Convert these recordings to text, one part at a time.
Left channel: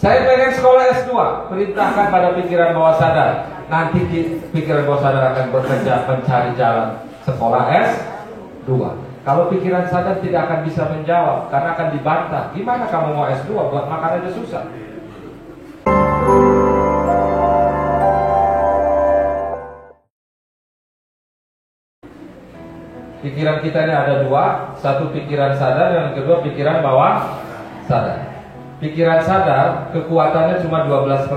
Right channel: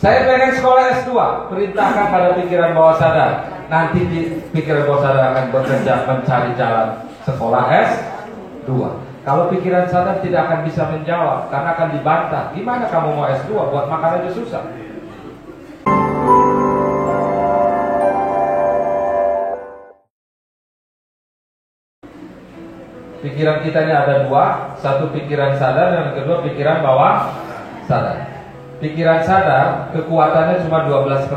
Saya pengen sekolah S2, perintahkan pada pikiran bawah sadar. Nanti di pikiran bawah sadar akan bekerja mencari jalan sekolah S2. Kalau pikiran sadar tidak akan bisa menjawab karena akan dibantah. Gimana kamu mau S2? Buat makan aja susah. Pikiran kita ini ada dua, satu pikiran sadar, yang kedua pikiran bawah sadar. Pikiran sadar kekuatannya cuma 12%.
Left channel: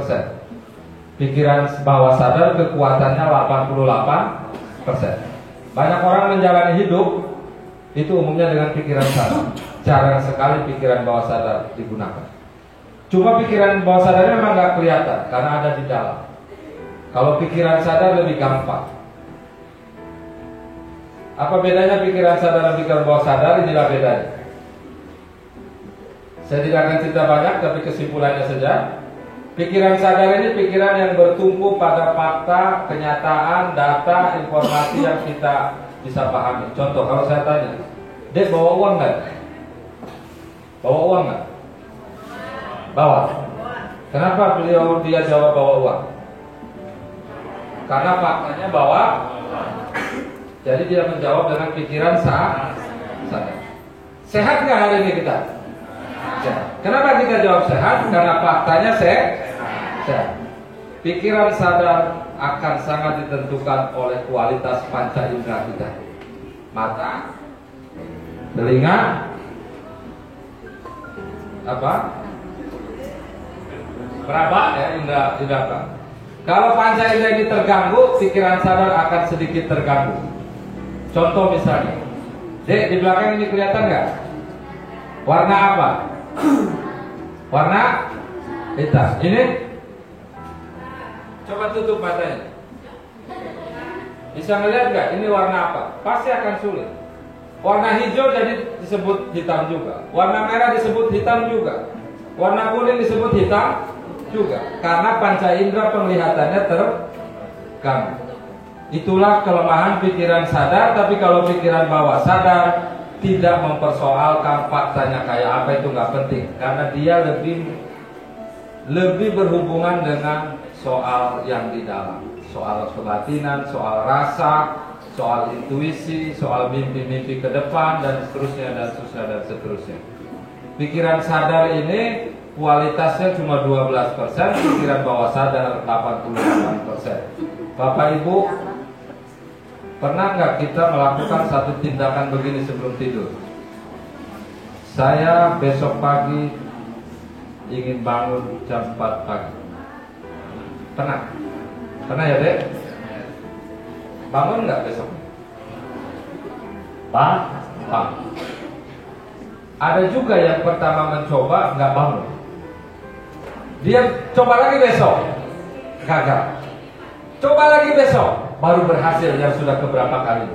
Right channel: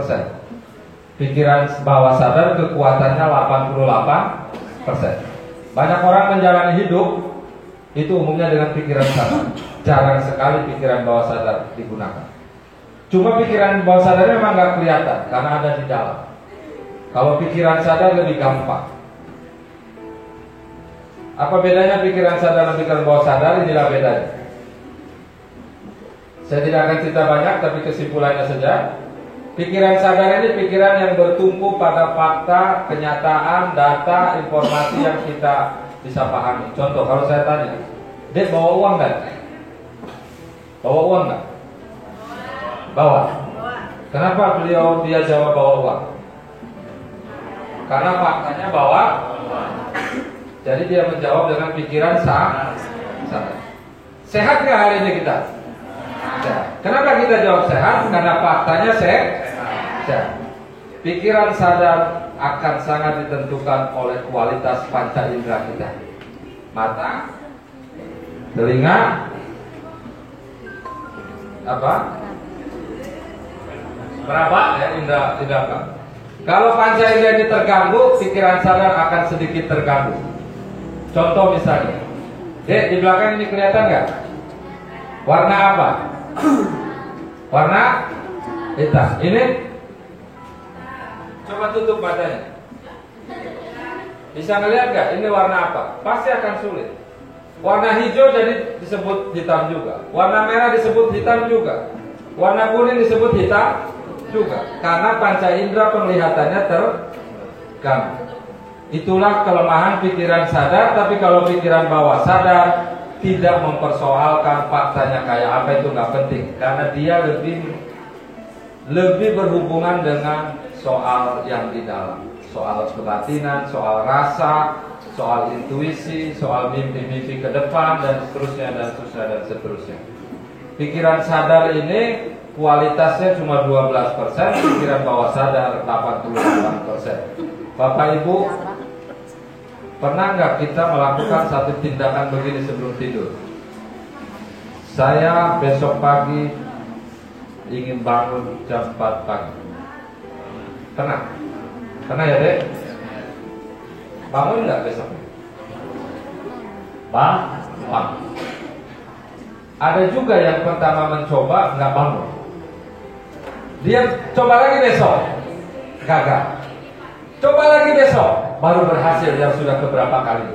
Pikiran bawah sadar kekuatannya 88%. Banyak orang menjalani hidup itu umumnya dengan pikiran sadar. Jarang sekali pikiran bawah sadar digunakan. Cuma pikiran bawah sadar memang nggak kelihatan karena ada di dalam. Kalau pikiran sadar lebih gampang. Apa bedanya pikiran sadar dan pikiran bawah sadar? Inilah bedanya. Saya tidak akan cerita banyak, tapi kesimpulannya saja. Pikiran sadar ini pikiran yang bertumpu pada fakta, kenyataan, data, informasi yang kita bisa pahami. Contoh, kalau saya tanya, Dek bawa uang nggak? Bawa uang nggak? Bawa. Kenapa dia jawab bawa uang? Karena faktanya bawa. Jadi dia menjawab dengan pikiran sadar. Sehat nggak hari ini kita? Sehat. Kenapa kita jawab sehat? Karena faktanya sehat. Pikiran sadar akan sangat ditentukan oleh kualitas panca indera kita. Mata, telinga, apa? Berapa? Indera. Kalau panca indera ini terganggu, pikiran sadar akan sedikit terganggu. Contoh misalnya, Dek, di belakang ini kelihatan nggak? Warna apa? Warna hitam. Ini coba tutup matanya. Bisa ngelihat nggak? Ini warna apa? Pasti akan sulit. Warna hijau jadi disebut hitam juga. Warna merah disebut hitam juga. Warna kuning disebut hitam juga. Karena panca indera penglihatannya terganggu. Itulah kelemahan pikiran sadar. Tapi kalau pikiran bawah sadar tidak mempersoalkan faktanya kayak apa, itu nggak penting, karena dia lebih berhubungan dengan soal yang di dalam, soal kebatinan, soal rasa, soal intuisi, soal mimpi-mimpi ke depan, dan seterusnya. Pikiran sadar ini kualitasnya cuma 12%, pikiran bawah sadar 88%. Bapak Ibu, pernah nggak kita melakukan satu tindakan begini sebelum tidur? Saya besok pagi ingin bangun jam 4 pagi. Pernah? Pernah ya, Dek? Bangun nggak besok? Bang. Ada juga yang pertama mencoba nggak bangun. Dia coba lagi besok, gagal. Coba lagi besok, baru berhasil yang sudah keberapa kali.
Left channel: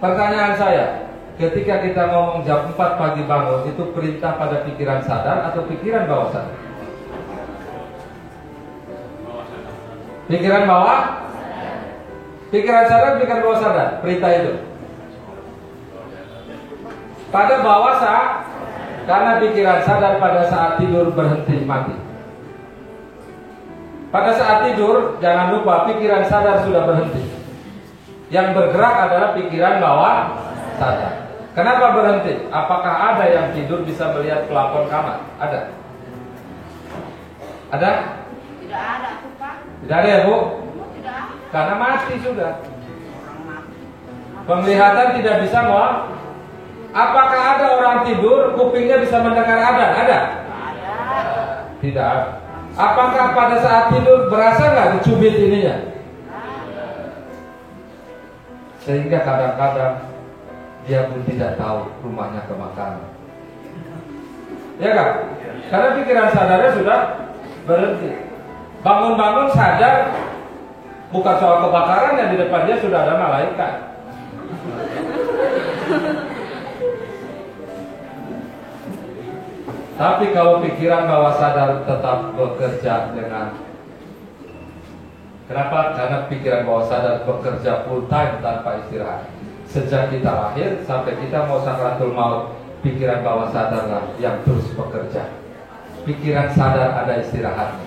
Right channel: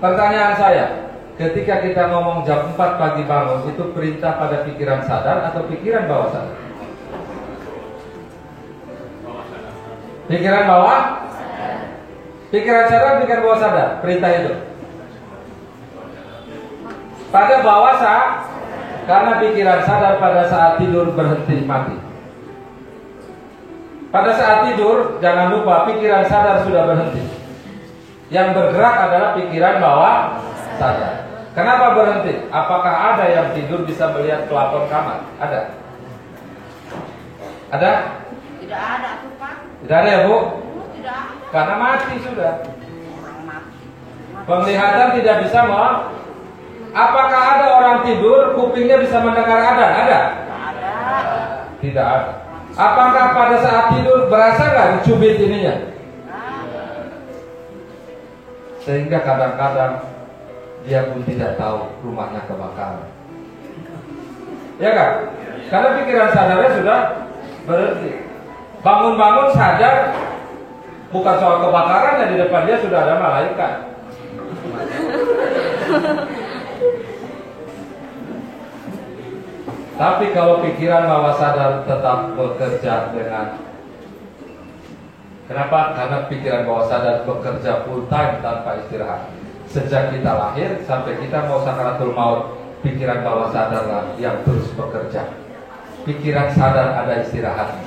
Pertanyaan saya, ketika kita ngomong jam 4 pagi bangun, itu perintah pada pikiran sadar atau pikiran bawah sadar? Pikiran bawah? Pikiran sadar, pikiran bawah sadar, perintah itu. Pada bawah sadar, karena pikiran sadar pada saat tidur berhenti mati. Pada saat tidur, jangan lupa pikiran sadar sudah berhenti. Yang bergerak adalah pikiran bawah sadar. Kenapa berhenti? Apakah ada yang tidur bisa melihat pelafon kamar? Ada? Ada? Tidak ada, Pak. Tidak ada ya, Bu? Tidak ada. Karena mati sudah. Penglihatan tidak bisa melihat. Apakah ada orang tidur kupingnya bisa mendengar ada? Ada? Tidak ada. Apakah pada saat tidur berasa nggak dicubit ininya? Sehingga kadang-kadang dia pun tidak tahu rumahnya kebakaran. Ya kan? Karena pikiran sadarnya sudah berhenti. Bangun-bangun sadar, bukan soal kebakaran, yang di depan dia sudah ada malaikat. Tapi kalau pikiran bawah sadar tetap bekerja dengan, kenapa? Karena pikiran bawah sadar bekerja full time tanpa istirahat. Sejak kita lahir sampai kita mau sakaratul maut, pikiran bawah sadar lah yang terus bekerja. pikiran sadar ada istirahatnya.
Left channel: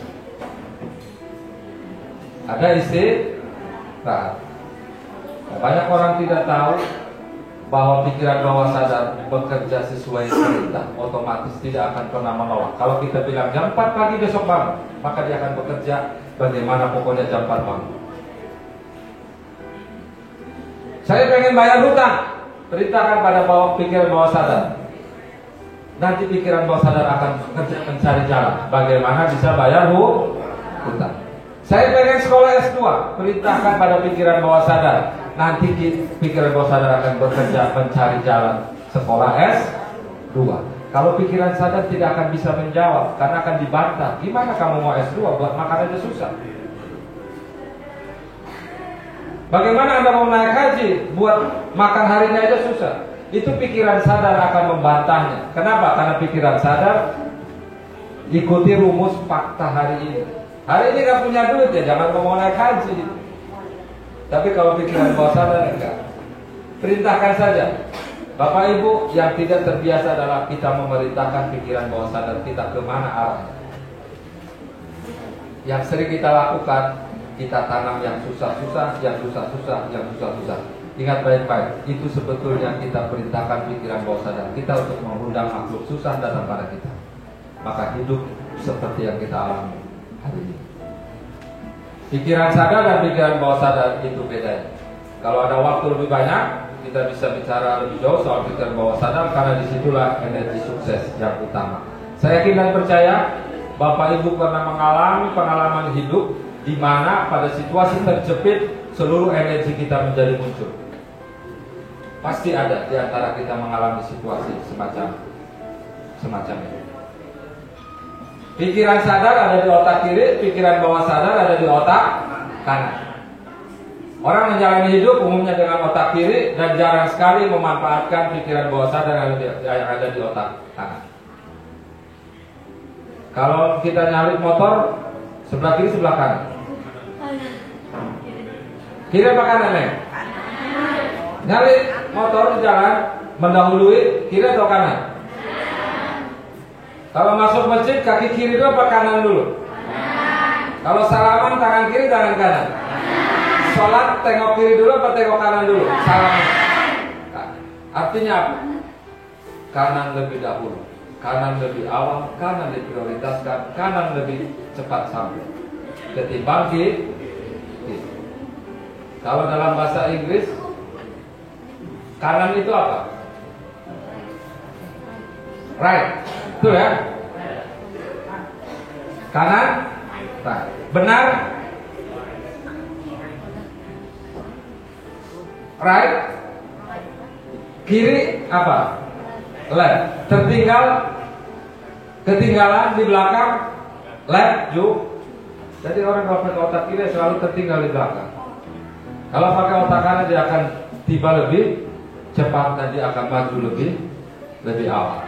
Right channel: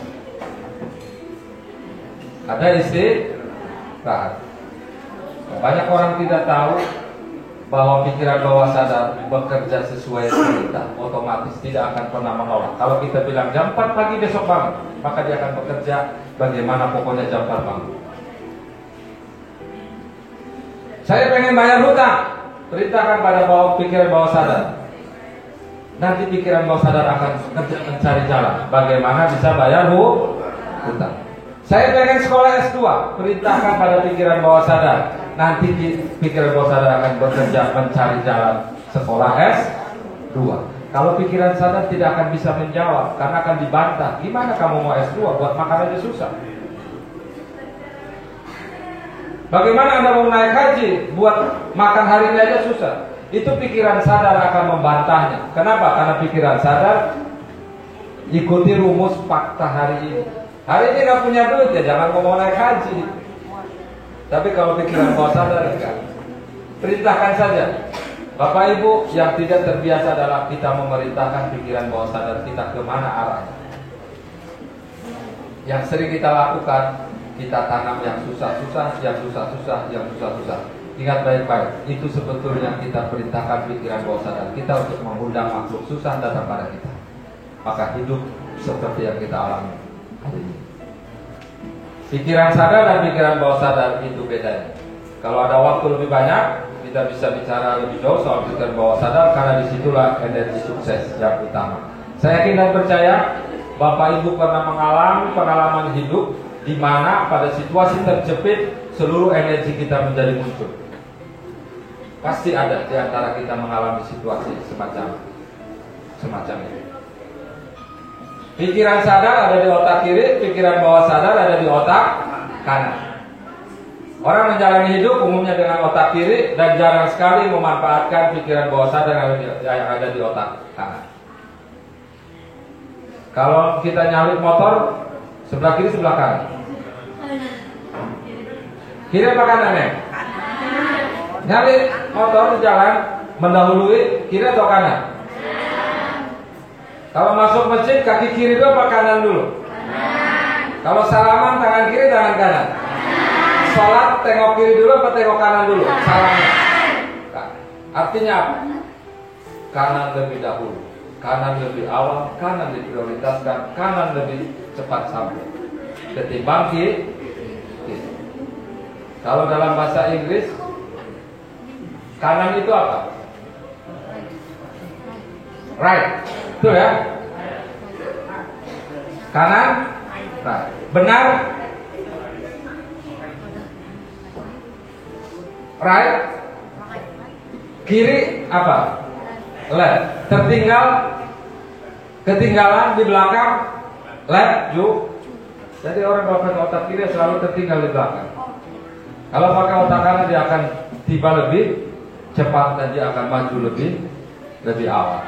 Ada istirahat. Banyak orang tidak tahu bahwa pikiran bawah sadar bekerja sesuai perintah, otomatis tidak akan pernah menolak. Kalau kita bilang jam 4 pagi besok bangun, maka dia akan bekerja bagaimana pokoknya jam 4 bangun. Saya pengen bayar hutang, perintahkan pada pikiran bawah sadar. Nanti pikiran bawah sadar akan mencari jalan bagaimana bisa bayar hutang. Saya pengen sekolah S2, perintahkan pada pikiran bawah sadar. Nanti pikiran bawah sadar akan bekerja mencari jalan sekolah S2. Kalau pikiran sadar tidak akan bisa menjawab karena akan dibantah. Gimana kamu mau S2? Buat makan aja susah. Bagaimana Anda mau naik haji? Buat makan hari ini aja susah. Itu pikiran sadar akan membantahnya. Kenapa? Karena pikiran sadar ikuti rumus fakta hari ini. Hari ini gak punya duit ya jangan mau naik haji. Tapi kalau pikiran bawah sadar enggak. Perintahkan saja. Bapak Ibu yang tidak terbiasa dalam kita memerintahkan pikiran bawah sadar kita kemana arahnya. Yang sering kita lakukan, kita tanam yang susah-susah, yang susah-susah, yang susah-susah. Ingat baik-baik, itu sebetulnya kita perintahkan pikiran bawah sadar kita untuk mengundang makhluk susah datang pada kita. Maka hidup seperti yang kita alami hari ini. Pikiran sadar dan pikiran bawah sadar itu bedanya. Kalau ada waktu lebih banyak, kita bisa bicara lebih jauh soal pikiran bawah sadar karena disitulah energi sukses yang utama. Saya yakin dan percaya Bapak Ibu pernah mengalami pengalaman hidup di mana pada situasi terjepit seluruh energi kita menjadi muncul. Pasti ada di antara kita mengalami situasi semacam ini. Pikiran sadar ada di otak kiri, pikiran bawah sadar ada di otak kanan. Orang menjalani hidup umumnya dengan otak kiri dan jarang sekali memanfaatkan pikiran bawah sadar yang ada di otak kanan. Kalau kita nyalip motor, sebelah kiri sebelah kanan. Kiri apa kanan ya? Nyalip motor jalan mendahului kiri atau kanan? Kalau masuk masjid kaki kiri dulu apa kanan dulu? Kalau salaman tangan kiri tangan kanan. Salat tengok kiri dulu apa tengok kanan dulu? Salamnya. Artinya apa? Kanan lebih dahulu, kanan lebih awal, kanan diprioritaskan, kanan lebih cepat sampai ketimbang kiri. Kalau dalam bahasa Inggris kanan itu apa? Right. Betul ya? Kanan, right. Benar, right. Kiri apa? Left. Ketinggalan di belakang, left, juga. Jadi orang kalau pakai otak kiri selalu tertinggal di belakang. Kalau pakai otak kanan dia akan tiba lebih cepat dan dia akan maju lebih awal.